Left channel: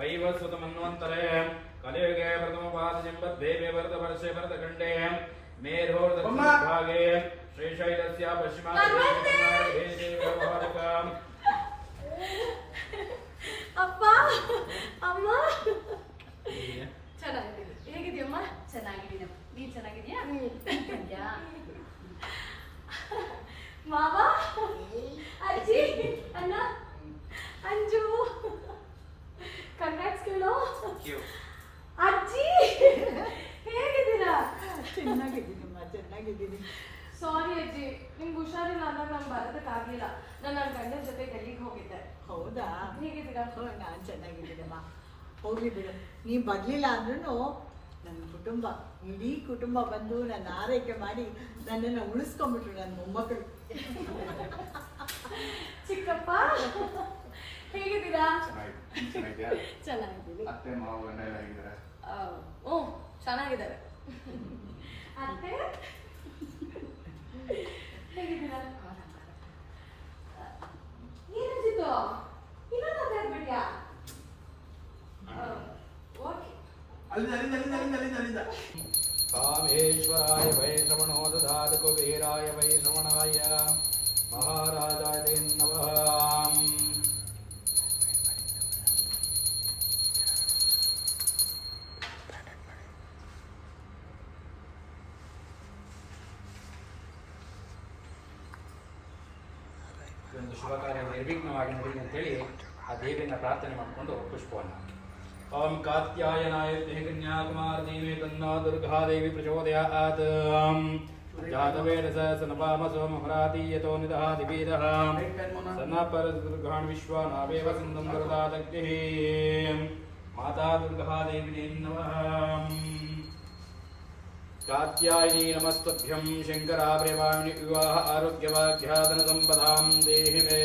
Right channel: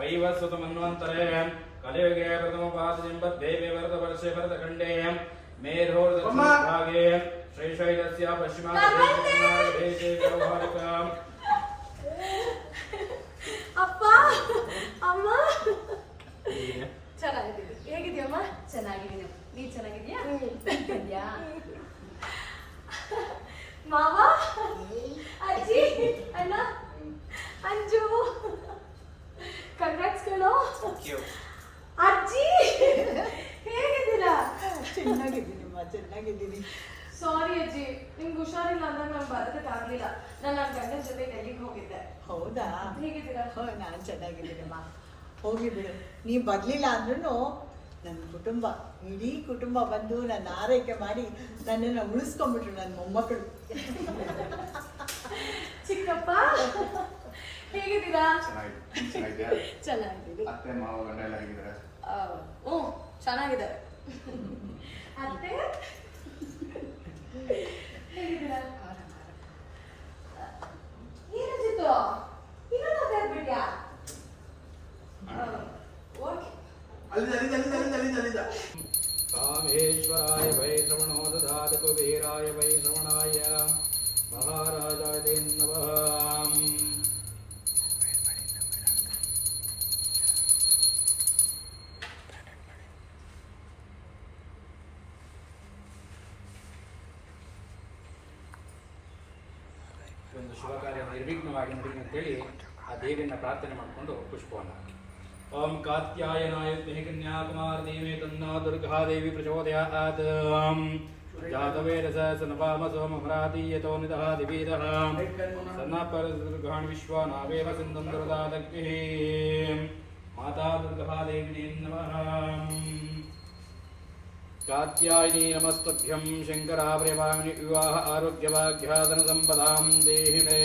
वैवस्वतमन्वन्तरे कलियुगे प्रथमपादजिम्बद्देवे वरदवर्षे वरदखण्डे मेधोर्दक्षिणभागे श्रीशैलस्य पश्चिमादेशे व्यवहारिकाम् ಅಪ್ಪ ಅಮ್ಮ ಚೆನ್ನಾಗಿದ್ದೀನಿ. ಹೇಗಿದ್ಯಮ್ಮ? ಚೆನ್ನಾಗಿದ್ದೀನಿ. ನೀನ್ ಚೆನ್ನಾಗಿದ್ಯಾ? ಇದ್ಯಾ ಮಾವ, ಅಜ್ಜಿ, ಅಣ್ಣ, ಅಂಜು, ಕಂಗ್ರಾಟ್ಸ್ ಕೇಳೋ. ಅಜ್ಜಿ ಹೇಗಿದ್ದೀರಾ? ಚೆನ್ನಾಗಿದ್ದೀನಿ. ಸಾರಿ ಅಜ್ಜಿ, ನಿಮ್ಗೆ ಹುಷಾರಿಲ್ಲ ಅಂದ್ರೆ ನಂಗೆ ಬರೋದಕ್ಕಾಗಲಿಲ್ಲ. ನಾನು ನನ್ನ ಗಂಡನ ಜೊತೆ ಡೆಲ್ಲಿಗೆ ಹೋಗಿದ್ದೆ. ಹೌದಾ? ಹೇಗಿದ್ದೀರಾ? ನಾನು ಚೆನ್ನಾಗಿದ್ದೀನಮ್ಮ. ಹೋಗಿ ಬಿಡು. ನೀ ಬರಲಿಲ್ಲ ಅಂದ್ರೂ ನನ್ನ ಕುಟುಂಬ, ಇಡೀ ಕುಟುಂಬ ಬಂದು ನನ್ನ ಆರೈಕೆ ಮಾಡಿ ನನ್ನನ್ನು ಉಳಿಸ್ಕೊಂಡ್ಬಿಟ್ರು ನನ್ನ ಮೊಮ್ಮಕ್ಕಳು. ಚಿಕ್ಕಪ್ಪ ಹೇಗಿದ್ದೀರಾ? ಚೆನ್ನಾಗಿದ್ದೀನಿ. ಅತ್ತೆ ಮಾವ ಗಂಡ ಹೇಗಿದ್ದಾರೆ? ಹ್ಞೂ ಚೆನ್ನಾಗಿದ್ದಾರೆ. ಅತ್ತೆ ಹೇಗಿದ್ದೀರಾ? ಏನಿತ್ತು ಇನ್ನೊಂದು ಆಗ್ಬಿಟ್ಯಾ? कामेश्वराय वै श्रवणो ददातु कुबेराय वै श्रवणाय महाराजाय ते नमः. ಒಂದು ಶುಭ ಕಾರ್ಯ ನಿರ್ವಿಘ್ನವಾಗಿ ನಡೀಲಿ ಅಂತೇಳಿ ಆ ದೇವಿಯನ್ನ ಪ್ರಾರ್ಥನೆ ಮಾಡಿಕೊಂಡು ಪುಷ್ಪವನ್ನು ओम कात्यायनाय कन्याकुमारदेवी तन्नो दुर्गादेवी प्रचोदयात्. जातवेदसनपामसो महरातीयतो निदहादिवेदः सन्नापरदुर्गान् विश्वानावेव सिन्धुं वरदादग्निः. माता दुर्गादेवी नमः. कात्यायनी नमस्तभ्यं शङ्करा प्रेमाणि विवाह आरोग्यभाग्याधनसम्पदां देहि मे.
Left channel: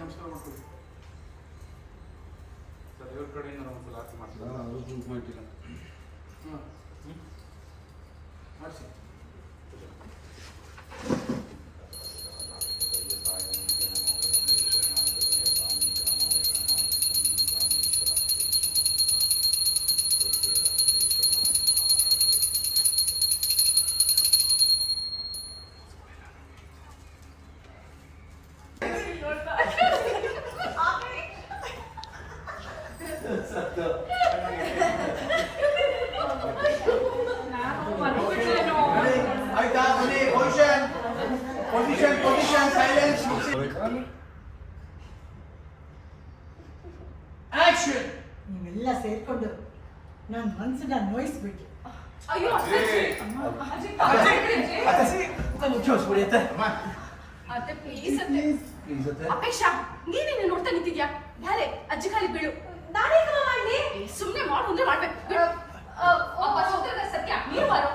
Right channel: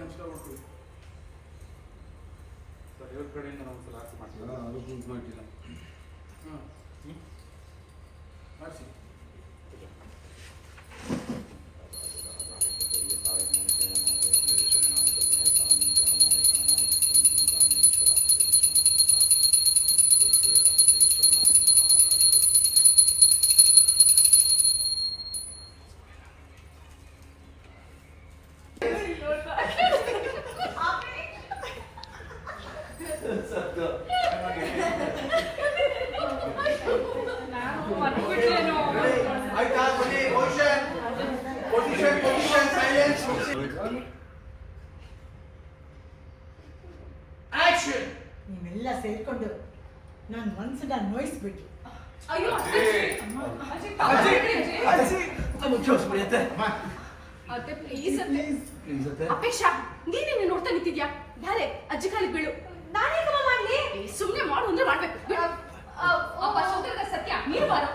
ನಮಸ್ಕಾರ ಮಾಡ್ತೀವಿ. ದೇವ್ರ ಕಡೆಯಿಂದ ನಾವು ಒಂದ್ಸಲ ಆರತಿ ಮಾಡ್ತೀವಿ. ಮಾಡಿಸಿ. ನೀವೆಲ್ಲ ಸೇರ್ಕೊಂಡು ನನ್ನ ಮನಸ್ಸನ್ನ ನೋಯಿಸ್ಬಿಟ್ರು. ಅಯ್ಯೋ ಅತ್ತೆ ಪ್ಲೀಸ್ ಅತ್ತೆ. ಅಪೇಕ್ಷಾ ನೀನೇನೆ ನೋಡ್ತಾ ನಿಂತಿದ್ಯಾ? ಯಾರೇ ಅಜ್ಜಿ ಕಾಲಿಗೆ ಬೀಳು. ನಾನೇ ಕ್ರಮ ಮಾಡ್ಲಿ? ಸುಮ್ಮನೆ ಮಾಡು ಅಂದ್ರೆ ಮಾಡ್ಬೇಕು. ಅಪ್ಪ ಸೋದರದ ಸತ್ಯ ನೀನು ಬಾರೋ.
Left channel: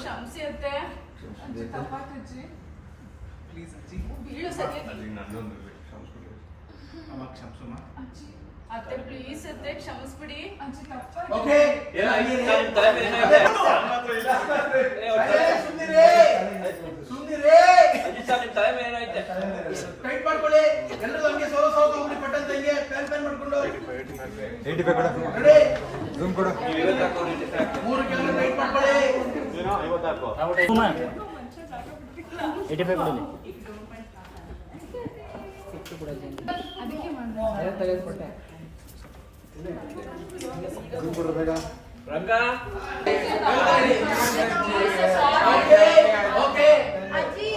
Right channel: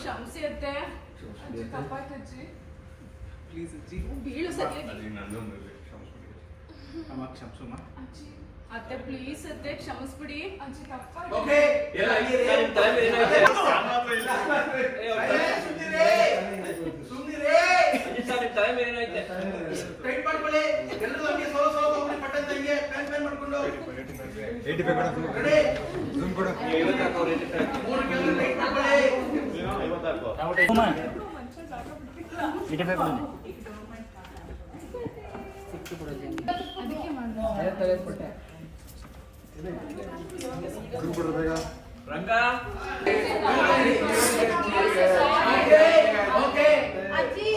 ಕ್ಷಮಿಸಿ ಅತ್ತೆ. ಅಜ್ಜಿ ತಪ್ಪಾಯ್ತು ಅಜ್ಜಿ. ಪ್ಲೀಸ್ ಅಜ್ಜಿ ಬೀಳು ಸತ್ಯ. ಅಮ್ಮ ಕ್ಷಮಿಸಮ್ಮ. ಅತ್ತೆ ಪ್ಲೀಸ್ ಅತ್ತೆ ಕ್ಷಮಿಸ್ಬಿಡಿ. ಅಜ್ಜಿ ತಪ್ಪಾಯ್ತು. ಓಕೆ ಎಲ್ಲ ಟೈಟ್ ಮಾಡ್ಕೊಳ್ಳಿ. ಎಲ್ಲರೂ ಹಂಗೆ ಸೋಲೋ ಸೋಲೋ ತಗೊಂಡು ಪಟ್ಟನ್ ತಂಗೆ ಪ್ಯಾನ್ ಪ್ಯಾನ್ ಮಾಡ್ಕೊಂಡು ರೆಡಿ ಜೂಮ್ ಕೊಡು. ಮೂರು ಕಿಲೋ ಟೈಟ್ ಮಾಡ್ಕೊಳ್ಳಿ. 85 ಅದಕ್ಕೆ ಮಾಡ್ದೆ. ರಂಗ ಅಜ್ಜಿ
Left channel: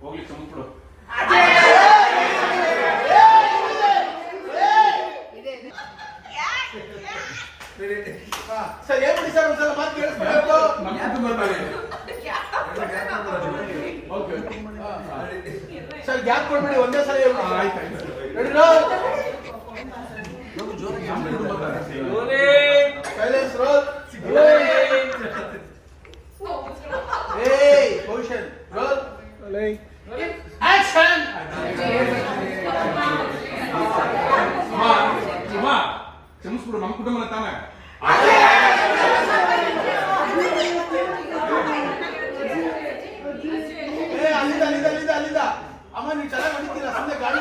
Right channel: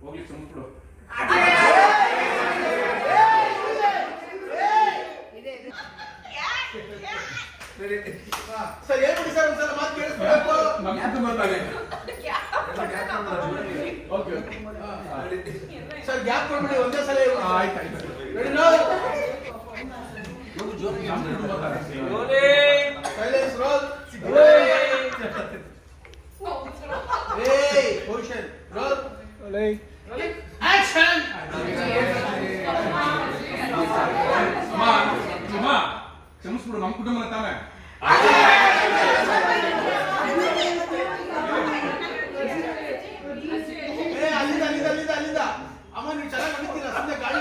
ಹೋಗ್ಲಿ ಚಮತ್ಬಿಡು. ಸರ್ ಹೇಳ್ಬಿಡಿ ಸರ್ ಒಂದ್ಸಲ ಮಾತು ಕೇಳಿಸ್ಬೇಕು. ಸರ್ ಗ್ಯಾಪ್ ಕೊಡ್ಬಿಡಿ ಒಂದೇ ಸಲ silence roll position roll action ಕ್ಷಮಿಸ್ಬಿಡು, ನಮ್ಮ ಕುಟುಂಬ ತಾನೆ. ಅಲ್ಲಿಂದ ಅಮ್ಮ ನೀವು ಚೆನ್ನಾಗಿ ನಡೀತೀರಾ, ಸಂಜೆ ಗಾಡಿ